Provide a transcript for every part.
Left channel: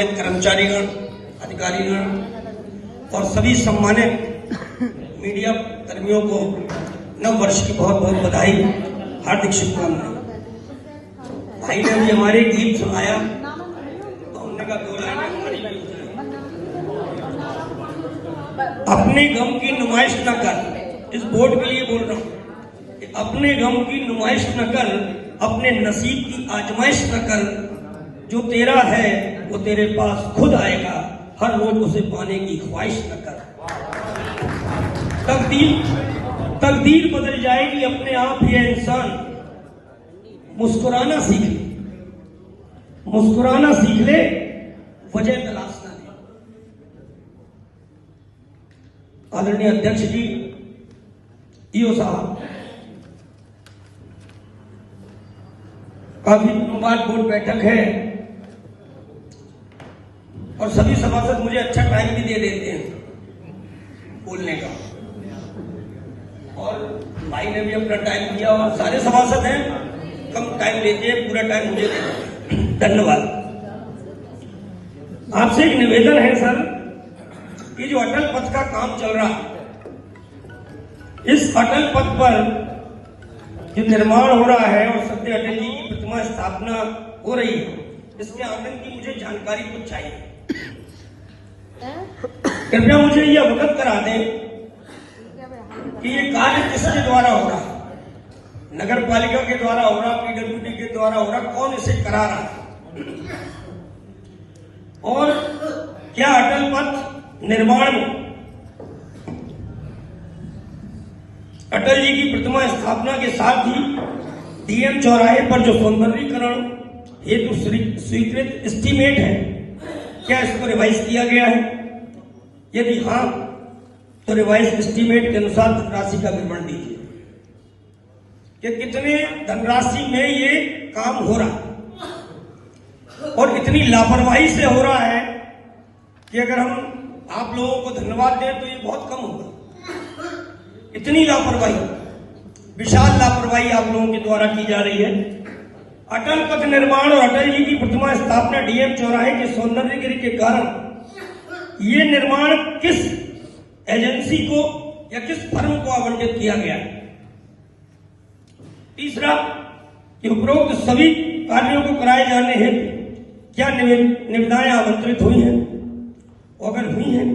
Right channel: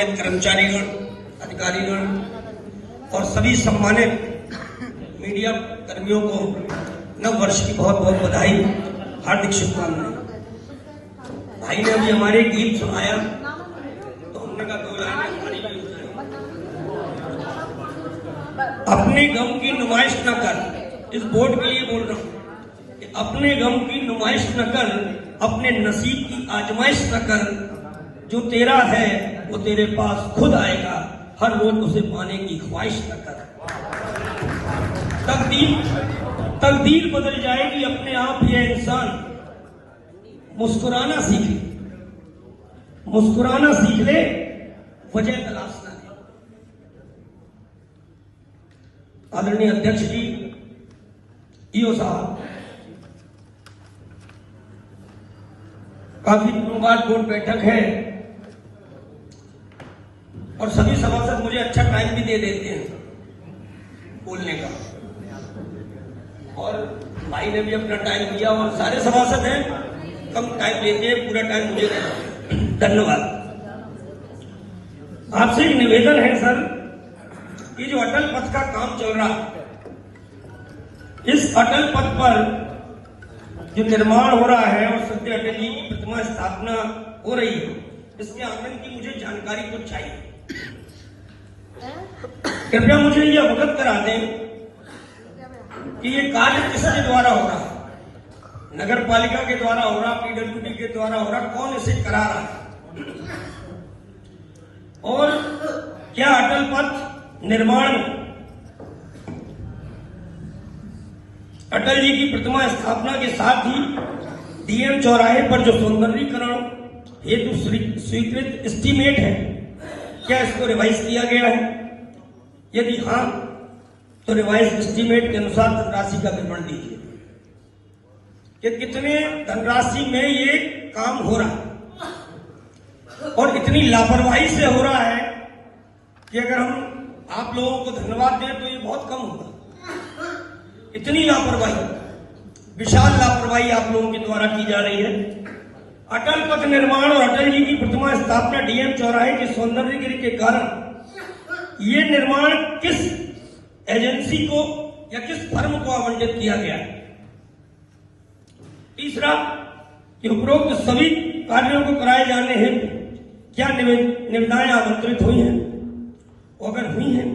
गणमान्य कर्मचारीगण, अधिकारीगण और सभी सम्मानित मीडिया कर्मियों को नव वर्ष की बहुत बहुत बधाई, हार्दिक शुभकामनाएं। भाई ने भी हमारे गीत सुनाया तो हमने कहा दो लाइनें हमारी भी होती हैं। अपने गम की नुमाइश न कर, इस बोर्ड के लिए बोल रहा हूं कि अपने गम की नुमाइश न कर, अपने नसीब की आजमाइश न कर, जो तेरा है वो तेरे पास खुद आएगा, हर रोज उसे पाने की ख्वाहिश न कर। तकदीर बदल जाएगी अपने आप ही इंसान, मुस्कुराना सीख ले, मुस्कुराना सीख ले, वजह तलाशना है। आदरणीय अध्यक्ष जी, ईओ साहब, काफी दिनों बाद बोर्ड बैठक है और सभी सभासद मुझे अच्छा टाइम भी दे देते हैं बोलने का, और भाई ने भी अपना टाइम दिया और सारे सभासद हैं कम टाइम लेते हैं, पूरा टाइम मुझे देते हैं। धन्यवाद। आपसे एक निवेदन है सर, कि जो अटल पथ का काम चल रहा, इस अटल पथ पर जो निर्माण हो रहा है और सत्य अटल जी की प्रतिमा स्थापना हो रही है, इसके आनंद की मुझे जानकारी कुछ चाहिए। कृपया मुझे यह अवगत करा दें कि ये कार्य किसके द्वारा हो रहा है, नगर पालिका के द्वारा हो रहा, पीडब्ल्यूडी के द्वारा हो रहा, कौन इसे करा रहा है, और क्या अटल पथ निर्माण अटल जी की प्रतिमा स्थापना के साथ ही डीएम चौराहे पर जो सौंदर्यीकरण हेतु स्वीकृत एस्टीमेट है, क्या इसको रिवाइज किया गया है? यदि हाँ, तो रिवाइज एस्टीमेट के अनुसार धनराशि का विवरण दीजिए कि कितने धनराशि में ये काम हो रहा है, और इतनी लापरवाही से हो रहा है कि अगर हम आप लोगों को धन्यवाद दें तो ये बहुत कम होगा। इतनी लापरवाही, विशाल लापरवाही आप लोगों के द्वारा की जा रही है। अटल पथ निर्माण और अटल जी की प्रतिमा स्थापना डीएम चौराहे के सौंदर्यीकरण के कारण ये निर्माण किस एजेंसी को या किस फर्म को आवंटित किया गया है? तीसरा, कि उपरोक्त सभी कार्यों को कराए जाने हेतु क्या निविदाएं आमंत्रित हुई हैं? अगर हुई हैं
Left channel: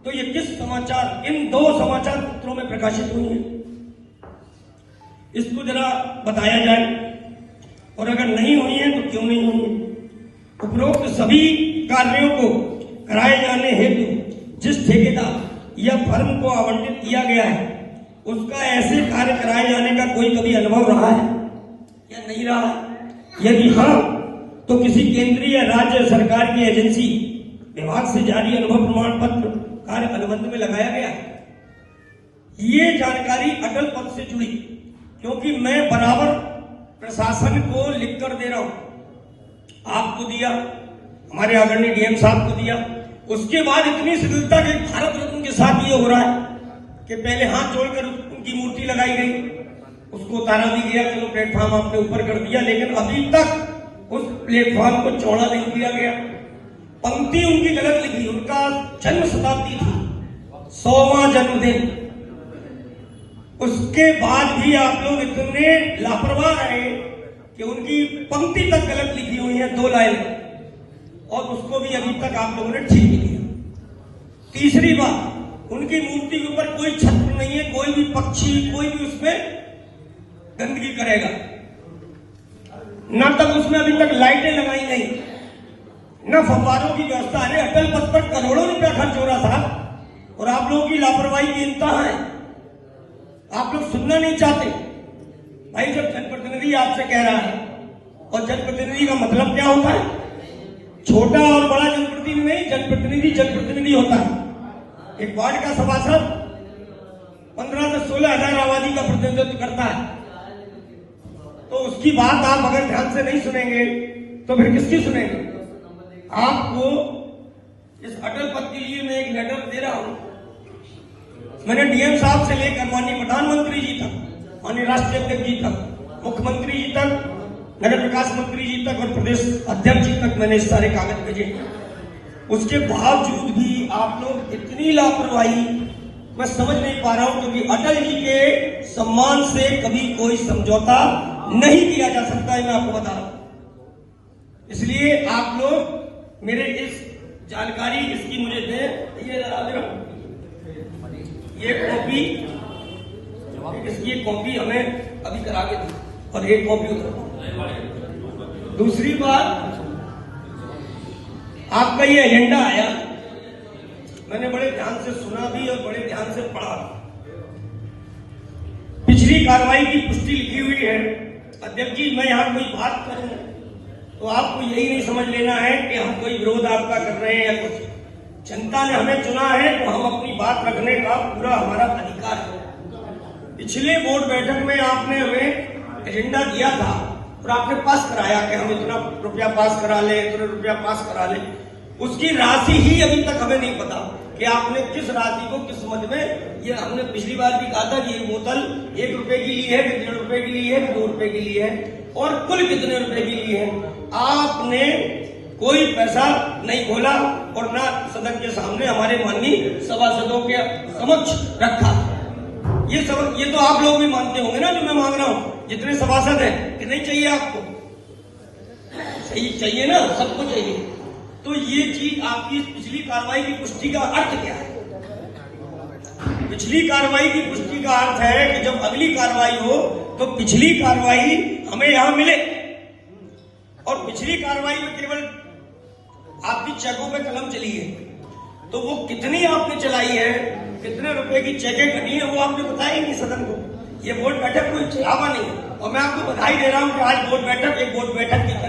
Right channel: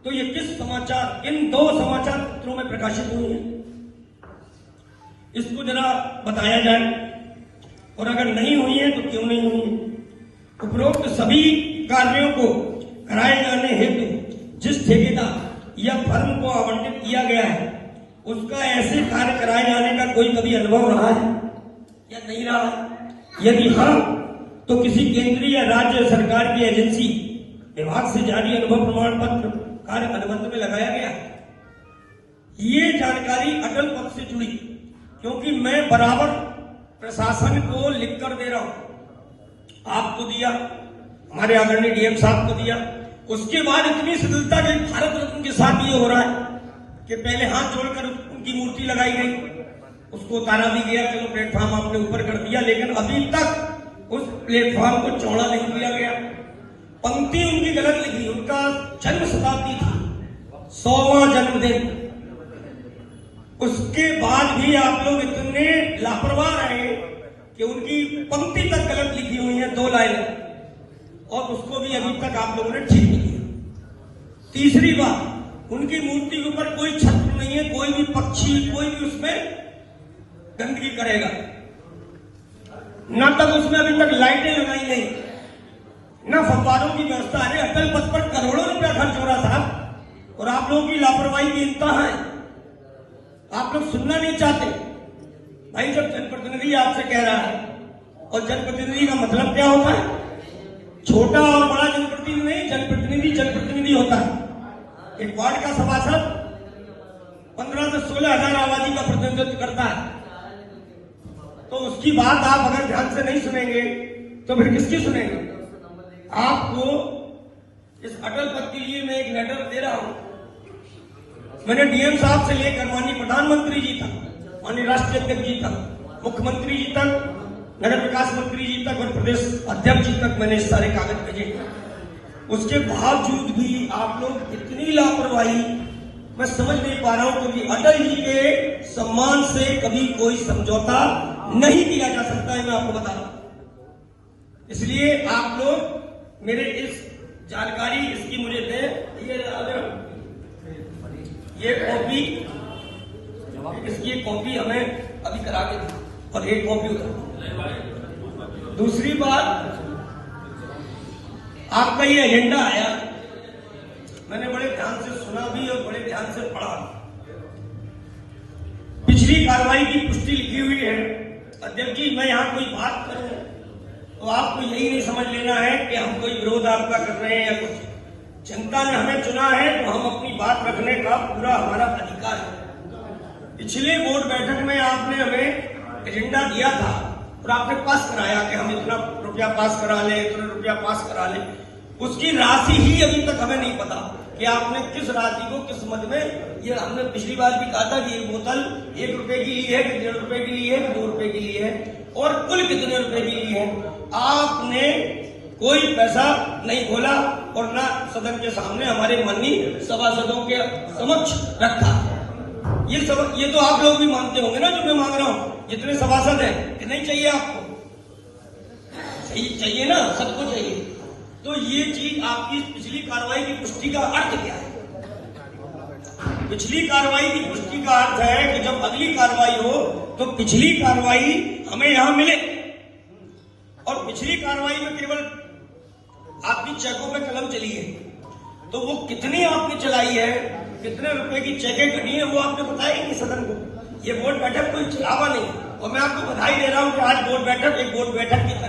तो ये किस समाचार, इन दो समाचार पत्रों में प्रकाशित हुई हैं? इसको जरा बताया जाए, और अगर नहीं हुई है तो क्यों नहीं हुई? उपरोक्त सभी कार्यों को कराए जाने हेतु जिस ठेकेदार या फर्म को आवंटित किया गया है, उसका ऐसे कार्य कराए जाने का कोई कभी अनुभव रहा है या नहीं रहा है? यदि हाँ, तो किसी केंद्रीय या राज्य सरकार की एजेंसी विभाग से जारी अनुभव प्रमाण पत्र कार्य अनुबंध में लगाया गया? ये जानकारी अटल पथ से जुड़ी, क्योंकि मैं बराबर प्रशासन को लिख कर दे रहा हूं, आपको दिया, हमारे आदरणीय डीएम साहब को दिया, उसके बाद इतनी शिथिलता के भारत रत्न के साथ ये हो रहा है कि पहले हाथ जोड़कर उनकी मूर्ति लगाई गई, उसको उतारा भी गया, चलो प्लेटफॉर्म आपने ऊपर कर दिया, लेकिन अभी तक उस प्लेटफॉर्म को चौड़ा नहीं किया गया। पंक्ति उनकी गलत लिखी, उनका जन्म शताब्दी थी, 100वां जन्मदिन, उसके बाद भी आप लोग इतने लापरवाह रहे कि उनकी पंक्ति तक गलत लिखी हुई है, 2 लाइन, और उसको भी अभी तक आप लोगों ने ठीक नहीं किया। तीसरी बात, उनकी मूर्ति के ऊपर कोई छत्र नहीं है, कोई भी पक्षी, कोई भी उसमें गंदगी करेगा न, तक उसमें अभी तक लाइटें लगाई नहीं, न फव्वारों की व्यवस्था है। अटल पथ पर करोड़ों रुपया खर्च हो रहा था, और आप लोगों की लापरवाही की इंतहा है, आप लोग सुनना नहीं चाहते। भाई, जब जनप्रतिनिधि आपसे कह रहा है, और जनप्रतिनिधि का मतलब क्या होता है? छोटा और बड़ा जनप्रतिनिधि नहीं, जनप्रतिनिधि जनप्रतिनिधि होता है। एक वार्ड का सभासद 15 से 16 हजार आबादी का प्रतिनिधित्व करता है, तो उसकी बात आप अगर ध्यान से नहीं सुनेंगे तो फिर किसकी सुनेंगे? आपको इस अटल पथ के लिए मैं एक लेटर दे रहा हूं, मैंने डीएम साहब से लेकर माननीय प्रधानमंत्री जी तक, माननीय राष्ट्रीय अध्यक्ष जी तक, मुख्यमंत्री जी तक, नगर विकास मंत्री जी तक और प्रदेश अध्यक्ष जी तक मैंने सारे कागज भेजे। उसके बावजूद भी आप लोग इतनी लापरवाही, मैं समझ नहीं पा रहा हूं, क्योंकि अटल जी के सम्मान से कभी कोई समझौता नहीं किया जा सकता है, मैं आपको बता रहा हूं। इसलिए आप लोग मेरे इस जानकारी इसकी मुझे दे, ये कॉपी, इसकी एक कॉपी हमें अभी करा के दी और एक कॉपी उधर। दूसरी बात, आपका ये एजेंडा आया, मैंने बड़े ध्यान से सुना भी और बड़े ध्यान से पढ़ा। पिछली कार्रवाई की पुष्टि लिखी हुई है। अध्यक्ष जी, मैं यहां कोई बात करूं तो आपको यही नहीं समझ लेना है कि हम कोई विरोध आपका कर रहे हैं या कुछ। जनता ने हमें चुना है तो हम अपनी बात रखने का पूरा हमारा अधिकार है। पिछले बोर्ड बैठक में आपने हमें एजेंडा दिया था और आपने पास कराया कि हम इतना रुपया पास करा लें, इतना रुपया पास करा लें। उसकी राशि ही अभी तक हमें नहीं पता कि आपने किस राशि को किस मद में, ये हमने पिछली बार भी कहा था कि ये बोतल 1 रुपए की ली है, कि 1.5 रुपए की ली है, कि 2 रुपए की ली है, और कुल कितने रुपए की ली है। आपने कोई पैसा नहीं बोला और ना सदन के सामने हमारे माननीय सभासदों के समक्ष रखा। ये तो आप लोग भी मानते होंगे ना, जो मैं मांग रहा हूं, जितने सभासद हैं, कि नहीं चाहिए आपको, चाहिए ना, सबको चाहिए। तो ये चीज आपकी पिछली कार्रवाई की पुष्टि का अर्थ क्या है? पिछली कार्रवाई की पुष्टि का अर्थ है कि जब अगली कार्रवाई हो तो पिछली कार्रवाई हमें यहां मिले, और पिछली कार्रवाई में केवल आपकी चेकों पे कलम चली है, तो वो कितनी आपने चलाई है, कितने रुपए की चेकें करनी है, वो आपने बताया नहीं सदन को। ये बोर्ड बैठक कोई चलावा नहीं, और मैं आपको बधाई दे रहा हूं कि आज बोर्ड बैठक एक बोर्ड बैठक की तरह